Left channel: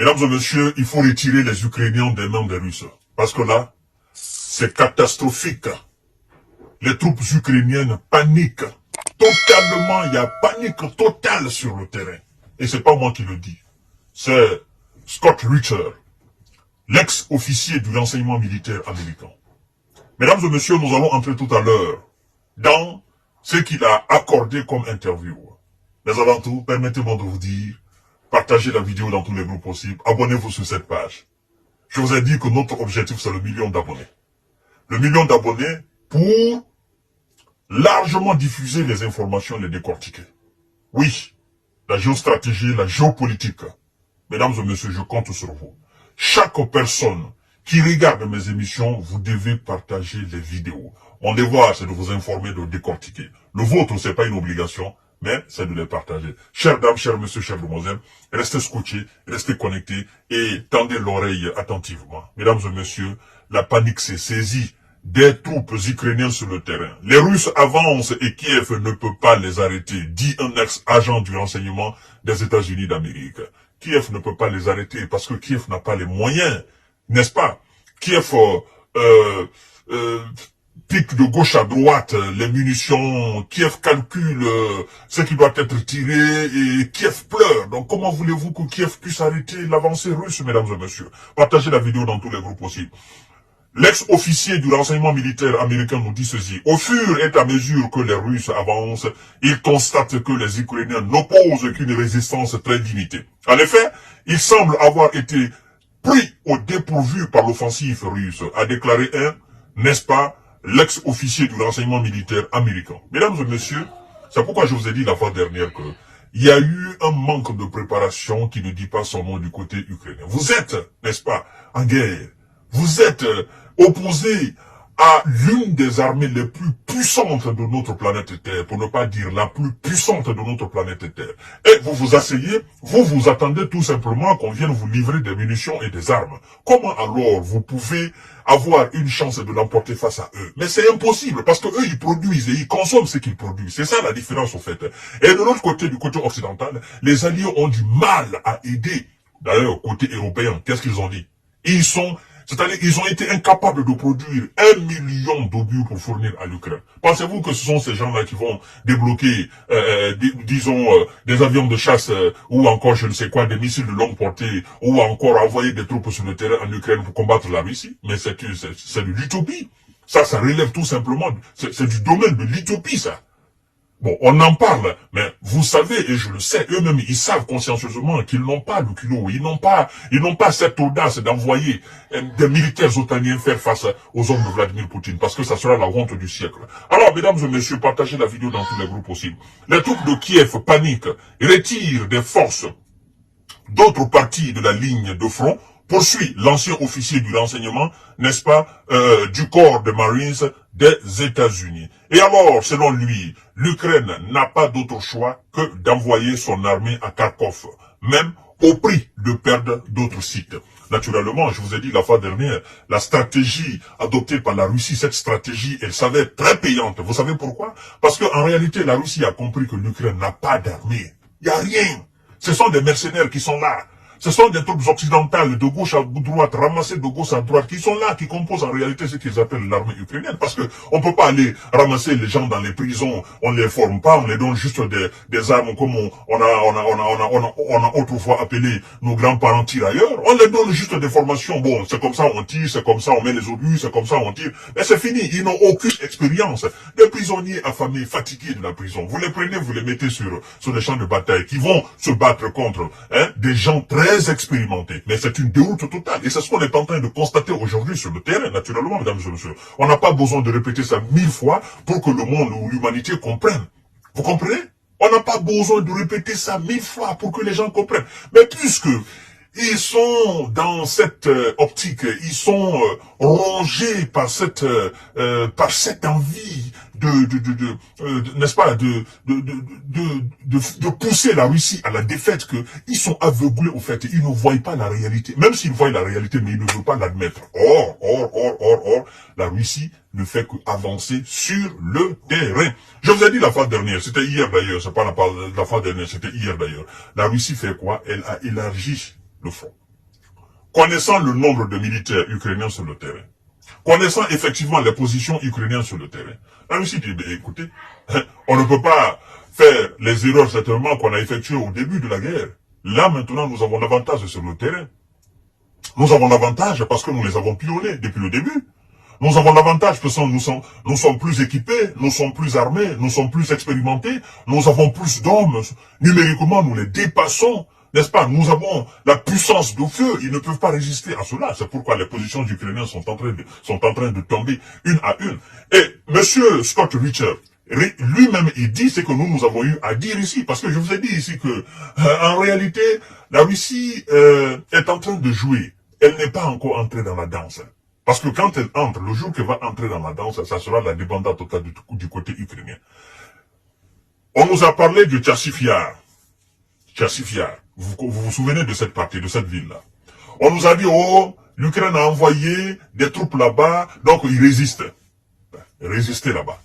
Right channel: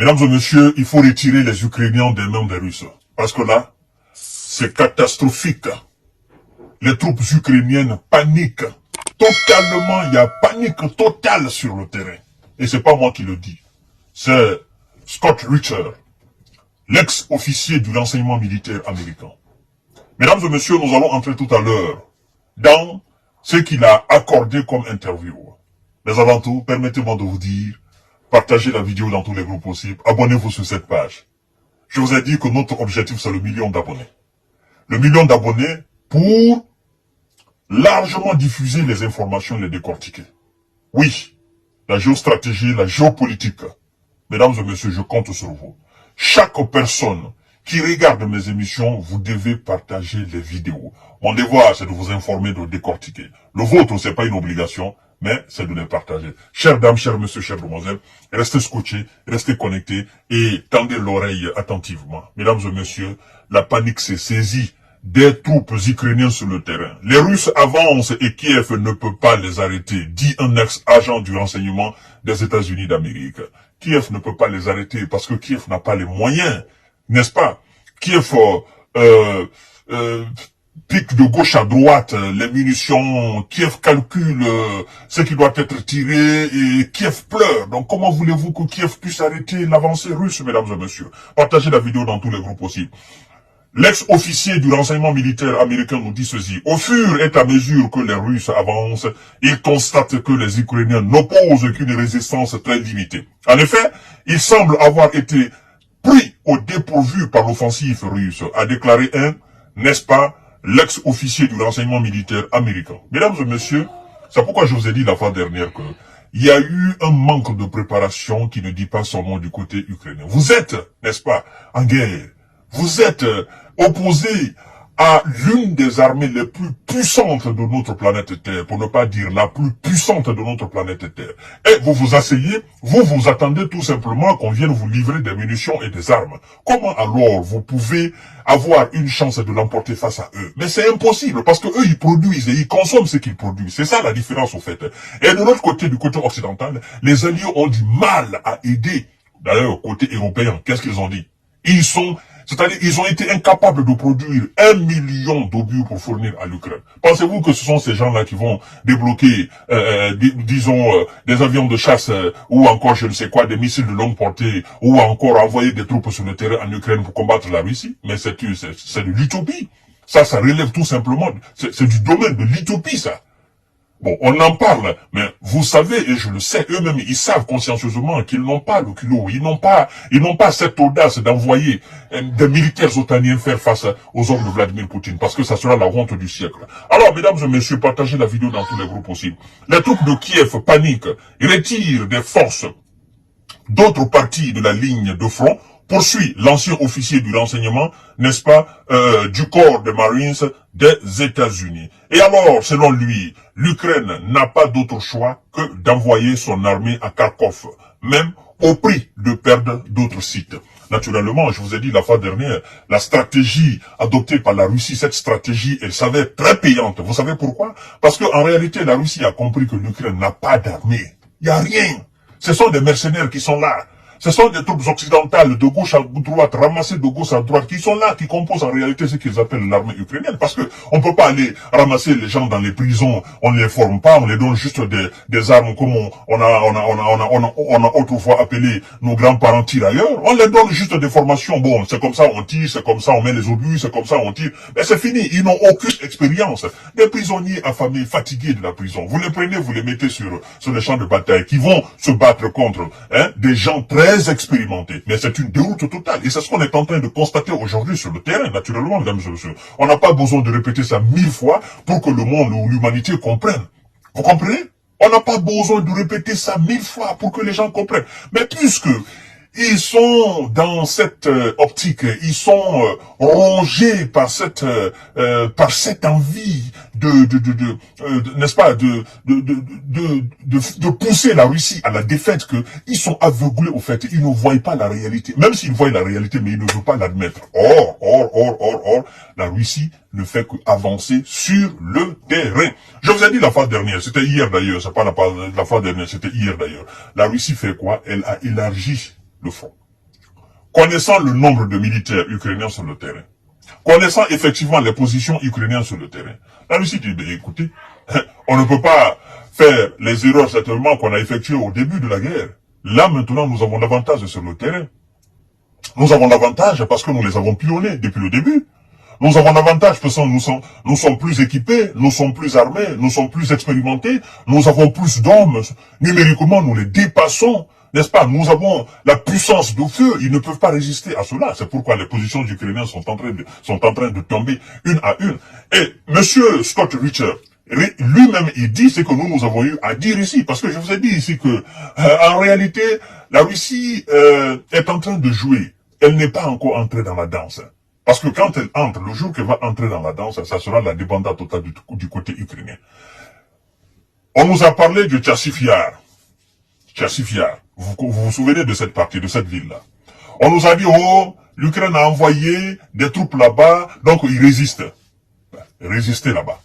Mesdames et messieurs, il faut retirer les Ukrainiens des mains des Russes. Parce que là, c'est catastrophique. Les troupes ukrainiennes paniquent. Totalement, il y a panique totale sur le terrain. Et c'est pas moi qui le dis. C'est Scott Ritter, l'ex-officier du renseignement militaire américain. Mesdames et messieurs, nous allons entrer tout à l'heure dans ce qu'il a accordé comme interview. Mais avant tout, permettez-moi de vous dire, partagez la vidéo dans tous les groupes possibles, abonnez-vous sur cette page. Je vous ai dit que notre objectif, c'est le 1 million d'abonnés. Le 1 million d'abonnés pour largement diffuser les informations et les décortiquer. Oui, la géostratégie, la géopolitique. Mesdames et messieurs, je compte sur vous. Chaque personne qui regarde mes émissions, vous devez partager les vidéos. Mon devoir, c'est de vous informer, de décortiquer. Le vôtre, c'est pas une obligation, mais c'est de les partager. Chères dames, chers messieurs, chères demoiselles, restez scotchés, restez connectés et tendez l'oreille attentivement. Mesdames et messieurs, la panique s'est saisie des troupes ukrainiennes sur le terrain. Les Russes avancent et Kiev ne peut pas les arrêter, dit un ex-agent du renseignement des États-Unis d'Amérique. Kiev ne peut pas les arrêter parce que Kiev n'a pas les moyens, n'est-ce pas? Kiev pique de gauche à droite les munitions, Kiev calcule ce qui doit être tiré et Kiev pleure. Donc comment voulez-vous que Kiev puisse arrêter l'avancée russe, mesdames et messieurs? Partagez la vidéo dans tous les groupes possibles. L'ex-officier du renseignement militaire américain nous dit ceci. Au fur et à mesure que les Russes avancent, ils constatent que les Ukrainiens n'opposent qu'une résistance très limitée. En effet, ils semblent avoir été pris au dépourvu par l'offensive russe, a déclaré n'est-ce pas, l'ex-officier du renseignement militaire américain. Mesdames et messieurs, c'est pourquoi je vous ai dit la fois dernière que il y a eu un manque de préparation qui ne dit pas son nom du côté ukrainien. Vous êtes, n'est-ce pas, en guerre. Vous êtes opposé à l'une des armées les plus puissantes de notre planète Terre, pour ne pas dire la plus puissante de notre planète Terre. Et vous vous asseyez, vous attendez tout simplement qu'on vienne vous livrer des munitions et des armes. Comment alors vous pouvez avoir une chance de l'emporter face à eux? Mais c'est impossible, parce que eux, ils produisent et ils consomment ce qu'ils produisent. C'est ça la différence, au fait. Et de l'autre côté, du côté occidental, les alliés ont du mal à aider. D'ailleurs, côté européen, qu'est-ce qu'ils ont dit? C'est-à-dire, ils ont été incapables de produire 1 million d'obus pour fournir à l'Ukraine. Pensez-vous que ce sont ces gens-là qui vont débloquer, disons, des avions de chasse ou encore, je ne sais quoi, des missiles de longue portée ou encore envoyer des troupes sur le terrain en Ukraine pour combattre la Russie? Mais c'est de l'utopie. Ça relève tout simplement, c'est du domaine de l'utopie, ça. Bon, on en parle, mais vous savez, et je le sais, eux-mêmes, ils savent consciencieusement qu'ils n'ont pas le culot, ils n'ont pas cette audace d'envoyer des militaires otaniens faire face aux hommes de Vladimir Poutine, parce que ça sera la honte du siècle. Alors, mesdames et messieurs, partagez la vidéo dans tous les groupes aussi. Les troupes de Kiev paniquent, retirent des forces d'autres parties de la ligne de front, poursuit l'ancien officier du renseignement, n'est-ce pas, du corps des Marines des États-Unis. Et alors, selon lui, l'Ukraine n'a pas d'autre choix que d'envoyer son armée à Kharkov, même au prix de perdre d'autres sites. Naturellement, je vous ai dit la fois dernière, la stratégie adoptée par la Russie, cette stratégie, elle s'avère très payante. Vous savez pourquoi? Parce qu'en réalité, la Russie a compris que l'Ukraine n'a pas d'armée. Il n'y a rien. Ce sont des mercenaires qui sont là. Ce sont des troupes occidentales de gauche à droite, ramassées de gauche à droite, qui sont là, qui composent en réalité ce qu'ils appellent l'armée ukrainienne. Parce que on peut pas aller ramasser les gens dans les prisons, on ne les forme pas, on les donne juste des armes comme on a autrefois appelé nos grands-parents tirailleurs. On les donne juste des formations. Bon, c'est comme ça on tire, c'est comme ça on met les obus, c'est comme ça on tire. Mais c'est fini, ils n'ont aucune expérience. Des prisonniers affamés, fatigués de la prison. Vous les prenez, vous les mettez sur les champs de bataille, qui vont se battre contre des gens très expérimenté, mais c'est une déroute totale. Et c'est ce qu'on est en train de constater aujourd'hui sur le terrain, naturellement, mesdames et messieurs. On n'a pas besoin de répéter ça 1000 fois pour que le monde ou l'humanité comprenne. Vous comprenez? On n'a pas besoin de répéter ça 1000 fois pour que les gens comprennent. Mais puisque ils sont dans cette optique, ils sont rongés par cette envie n'est-ce pas, de pousser la Russie à la défaite, que ils sont aveuglés au fait, ils ne voient pas la réalité, même s'ils voient la réalité, mais ils ne veulent pas l'admettre. Or, la Russie ne fait qu'avancer sur le terrain. Je vous ai dit la fois dernière, c'était hier d'ailleurs, c'est pas la fois dernière, c'était hier d'ailleurs. La Russie fait quoi? Elle a élargi le front. connaissant le nombre de militaires ukrainiens sur le terrain, connaissant effectivement les positions ukrainiennes sur le terrain, la Russie dit, ben, écoutez, on ne peut pas faire les erreurs certainement qu'on a effectuées au début de la guerre. Là, maintenant, nous avons l'avantage sur le terrain. Nous avons l'avantage parce que nous les avons pillonnés depuis le début. Nous avons l'avantage parce que nous sommes plus équipés, nous sommes plus armés, nous sommes plus expérimentés, nous avons plus d'hommes. Numériquement, nous les dépassons. N'est-ce pas? Nous avons la puissance de feu. Ils ne peuvent pas résister à cela. C'est pourquoi les positions ukrainiennes sont en train de tomber une à une. Et monsieur Scott Ritter, lui-même, il dit ce que nous avons eu à dire ici. Parce que je vous ai dit ici que, en réalité, la Russie est en train de jouer. Elle n'est pas encore entrée dans la danse. Parce que quand elle entre, le jour qu'elle va entrer dans la danse, ça sera la débandade totale du côté ukrainien. On nous a parlé de Tchassifiar. Tchassifiar. Vous vous souvenez de cette partie, de cette ville-là. On nous a dit, oh, l'Ukraine a envoyé des troupes là-bas, donc ils résistent. Résister là-bas.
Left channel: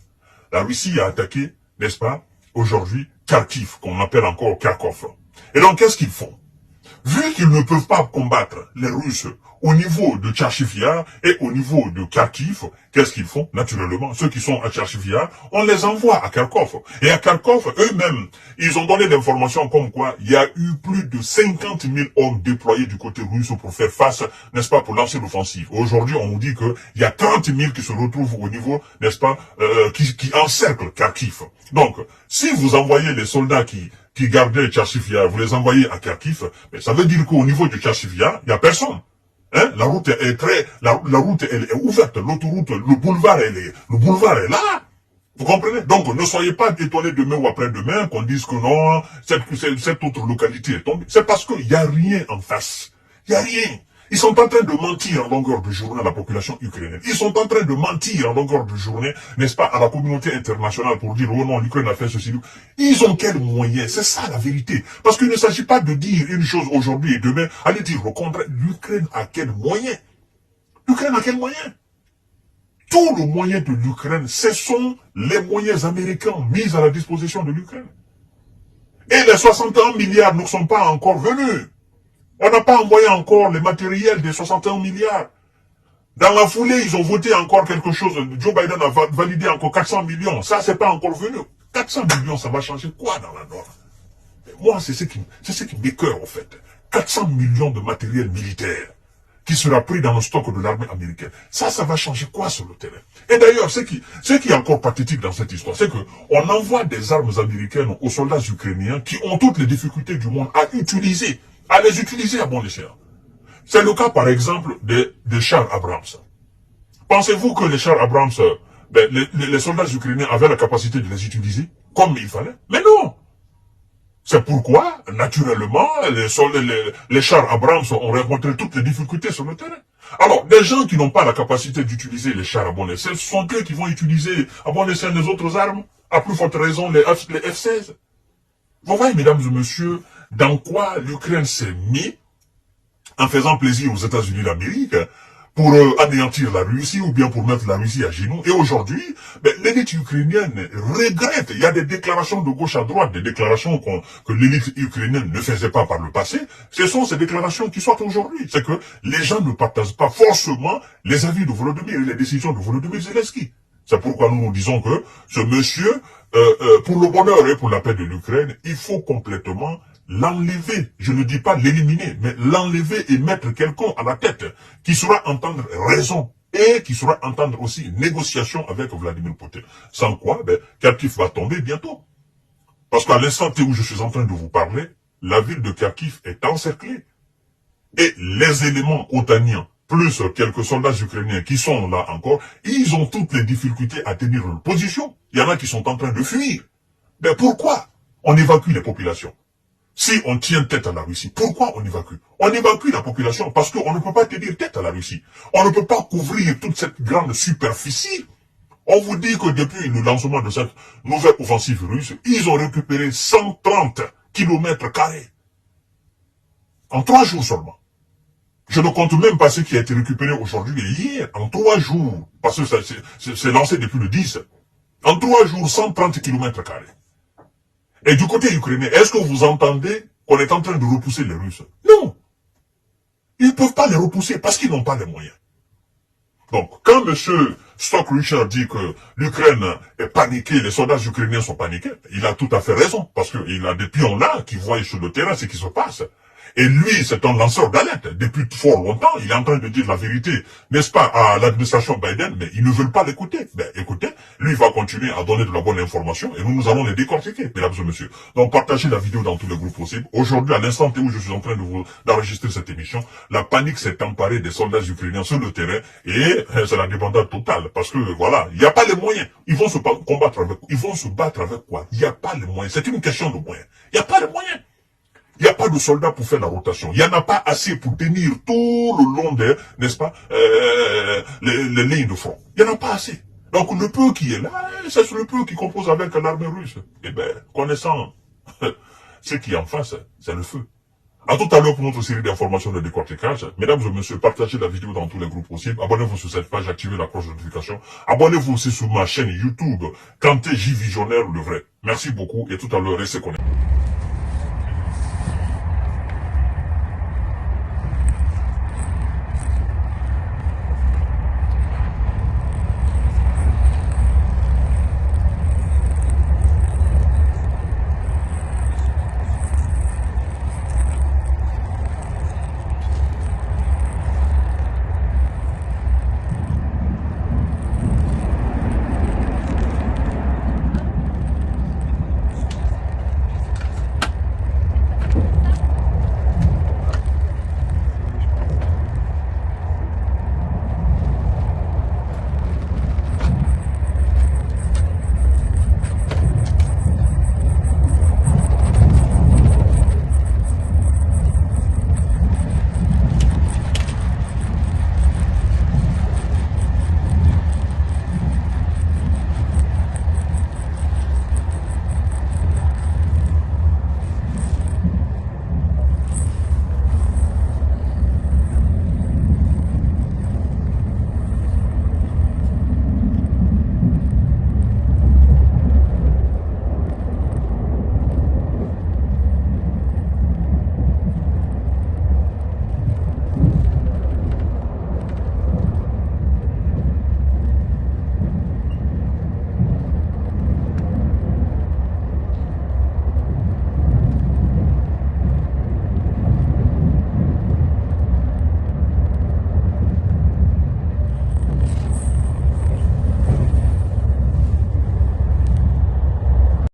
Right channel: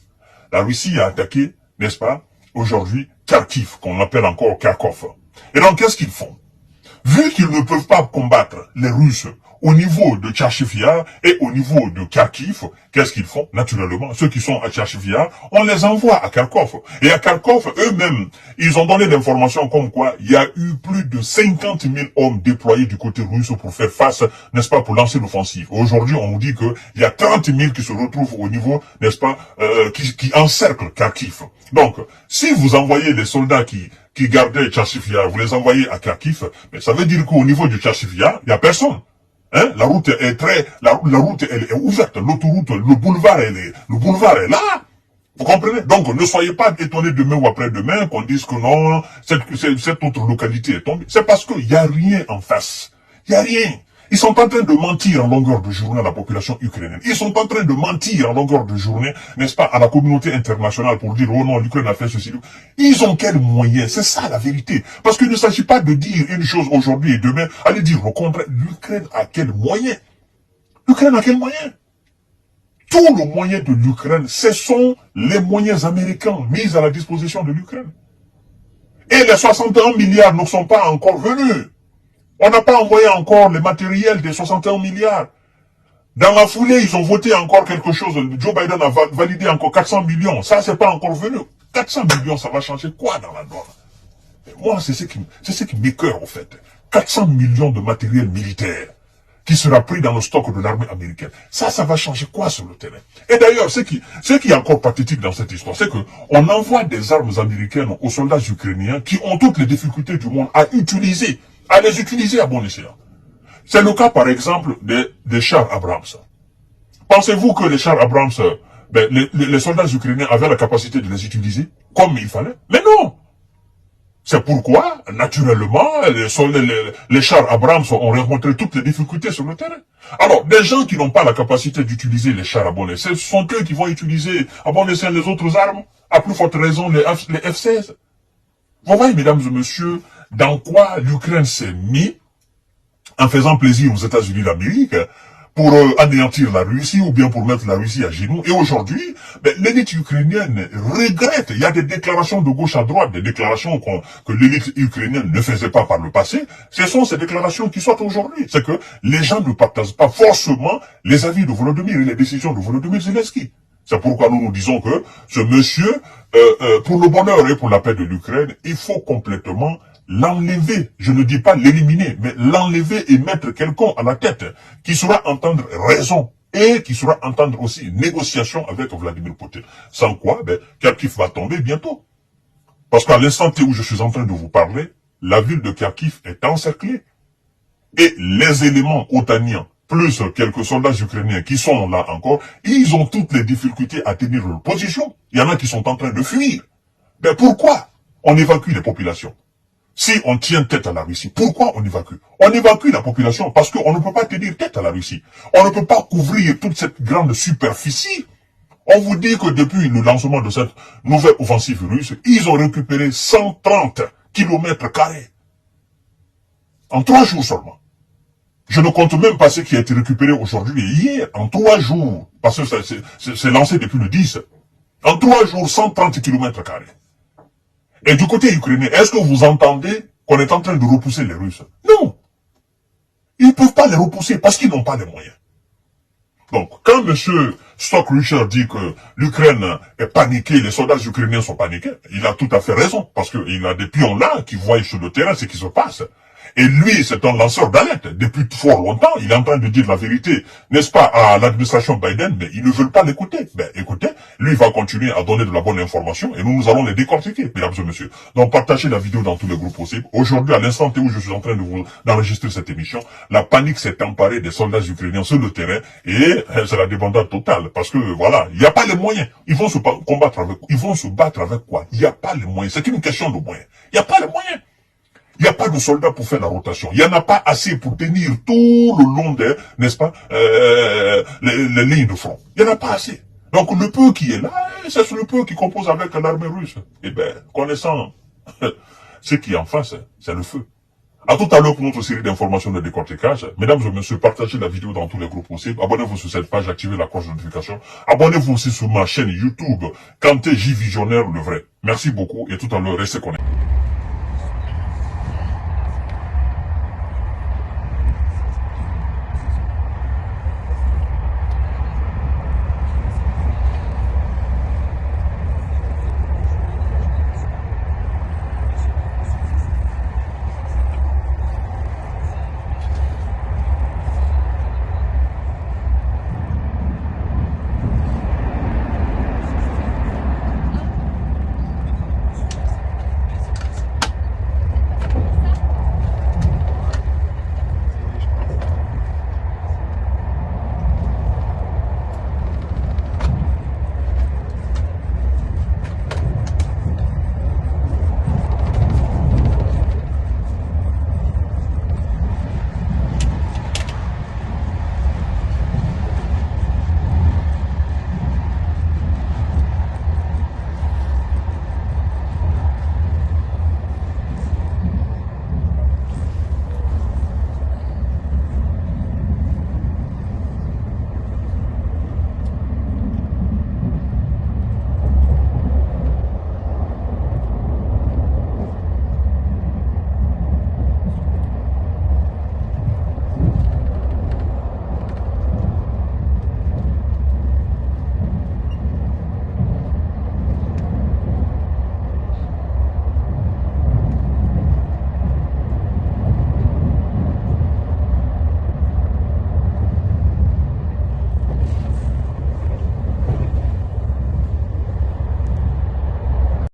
La Russie a attaqué, n'est-ce pas, aujourd'hui, Kharkiv, qu'on appelle encore Kharkov. Et donc, qu'est-ce qu'ils font? Vu qu'ils ne peuvent pas combattre les Russes au niveau de Tchachifiar et au niveau de Kharkiv, qu'est-ce qu'ils font? Naturellement, ceux qui sont à Tchachifiar, on les envoie à Kharkov. Et à Kharkov, eux-mêmes, ils ont donné l'information comme quoi il y a eu plus de 50 000 hommes déployés du côté russe pour faire face, n'est-ce pas, pour lancer l'offensive. Aujourd'hui, on nous dit qu'il y a 30 000 qui se retrouvent au niveau, n'est-ce pas, qui encerclent Kharkiv. Donc, si vous envoyez des soldats qui gardaient Tchachifiar, vous les envoyez à Kharkiv, mais ça veut dire qu'au niveau du Tchachifiar, il n'y a personne. Hein? La route elle est ouverte, l'autoroute, le boulevard est là. Vous comprenez? Donc, ne soyez pas étonnés demain ou après-demain qu'on dise que non, cette autre localité est tombée. C'est parce qu'il n'y a rien en face. Il n'y a rien. Ils sont en train de mentir en longueur de journée à la population ukrainienne. Ils sont en train de mentir en longueur de journée, n'est-ce pas, à la communauté internationale pour dire, oh non, l'Ukraine a fait ceci. Ils ont quels moyens? C'est ça la vérité. Parce qu'il ne s'agit pas de dire une chose aujourd'hui et demain, aller dire au contraire, l'Ukraine a quels moyens? L'Ukraine a quels moyens? Tous les moyens de l'Ukraine, ce sont les moyens américains mis à la disposition de l'Ukraine. Et les 61 milliards ne sont pas encore venus. On n'a pas envoyé encore les matériels des 61 milliards. Dans la foulée, ils ont voté encore quelque chose. Joe Biden a validé encore 400 millions. Ça, c'est pas encore venu. 400 millions, ça va changer quoi dans la Nord? Moi, c'est ce qui m'écoeure, au fait. 400 millions de matériel militaire qui sera pris dans le stock de l'armée américaine. Ça va changer quoi sur le terrain? Et d'ailleurs, ce qui est encore pathétique dans cette histoire, c'est que on envoie des armes américaines aux soldats ukrainiens qui ont toutes les difficultés du monde à les utiliser à bon escient. C'est le cas, par exemple, des chars Abrams. Pensez-vous que les chars Abrams, les soldats ukrainiens avaient la capacité de les utiliser comme il fallait? Mais non! C'est pourquoi, naturellement, les chars Abrams ont rencontré toutes les difficultés sur le terrain. Alors, des gens qui n'ont pas la capacité d'utiliser les chars à bon escient, ce sont eux qui vont utiliser à bon escient les autres armes, à plus forte raison les F-16. Vous voyez, mesdames et messieurs, dans quoi l'Ukraine s'est mis en faisant plaisir aux États-Unis d'Amérique pour anéantir la Russie ou bien pour mettre la Russie à genoux. Et aujourd'hui, l'élite ukrainienne regrette. Il y a des déclarations de gauche à droite, des déclarations que l'élite ukrainienne ne faisait pas par le passé. Ce sont ces déclarations qui sortent aujourd'hui. C'est que les gens ne partagent pas forcément les avis de Volodymyr et les décisions de Volodymyr Zelensky. C'est pourquoi nous disons que ce monsieur, pour le bonheur et pour la paix de l'Ukraine, il faut complètement l'enlever, je ne dis pas l'éliminer, mais l'enlever et mettre quelqu'un à la tête qui saura entendre raison et qui saura entendre aussi négociation avec Vladimir Poutine. Sans quoi, Kharkiv va tomber bientôt. Parce qu'à l'instant où je suis en train de vous parler, la ville de Kharkiv est encerclée. Et les éléments otaniens, plus quelques soldats ukrainiens qui sont là encore, ils ont toutes les difficultés à tenir leur position. Il y en a qui sont en train de fuir. Mais pourquoi on évacue les populations? Si on tient tête à la Russie, pourquoi on évacue? On évacue la population parce qu'on ne peut pas tenir tête à la Russie. On ne peut pas couvrir toute cette grande superficie. On vous dit que depuis le lancement de cette nouvelle offensive russe, ils ont récupéré 130 km². En 3 jours seulement. Je ne compte même pas ce qui a été récupéré aujourd'hui et hier, en 3 jours. Parce que c'est lancé depuis le 10. En 3 jours, 130 km². Et du côté ukrainien, est-ce que vous entendez qu'on est en train de repousser les Russes? Non. Ils ne peuvent pas pas les repousser parce qu'ils n'ont pas les moyens. Donc, quand M. Stock Richard dit que l'Ukraine est paniquée, les soldats ukrainiens sont paniqués, il a tout à fait raison, parce qu'il a des pions là qui voient sur le terrain ce qui se passe. Et lui, c'est un lanceur d'alerte. Depuis fort longtemps, il est en train de dire la vérité, n'est-ce pas, à l'administration Biden, mais ils ne veulent pas l'écouter. Mais écoutez, lui, il va continuer à donner de la bonne information et nous allons les décortiquer, mesdames et messieurs. Donc, partagez la vidéo dans tous les groupes possibles. Aujourd'hui, à l'instant où je suis en train d'enregistrer cette émission, la panique s'est emparée des soldats ukrainiens sur le terrain et c'est la débandade totale. Parce que, voilà, il n'y a pas les moyens. Ils vont se battre avec quoi? Il n'y a pas les moyens. C'est une question de moyens. Il n'y a pas les moyens. Il n'y a pas de soldats pour faire la rotation. Il n'y en a pas assez pour tenir tout le long des, n'est-ce pas, les lignes de front. Il n'y en a pas assez. Donc le peu qui est là, c'est le peu qui compose avec l'armée russe. Eh bien, connaissant ce qui est en face, c'est le feu. À tout à l'heure pour notre série d'informations de décortiquage. Mesdames et messieurs, partagez la vidéo dans tous les groupes possibles. Abonnez-vous sur cette page, activez la cloche de notification. Abonnez-vous aussi sur ma chaîne YouTube, Kanté J Visionnaire le vrai. Merci beaucoup et tout à l'heure, restez connectés.